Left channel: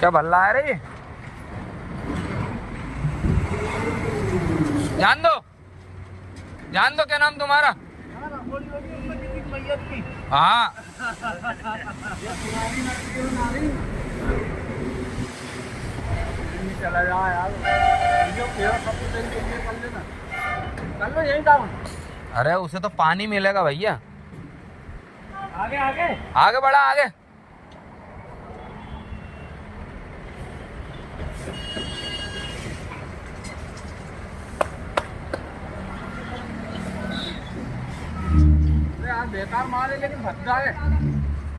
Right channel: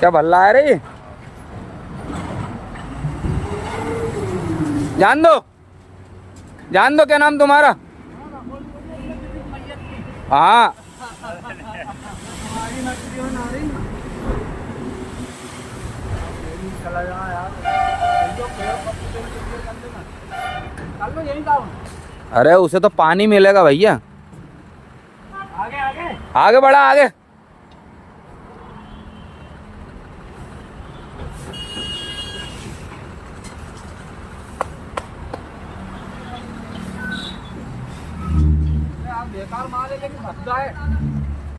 क्या भल्ला है रे? जान दो क्या नाम तुम्हारा? हाँ अरे उसे तो पानी मिलेगा भैया। आगे आगे आगे बढ़ा आगे। बेकार माल है लेकिन भद्दा है।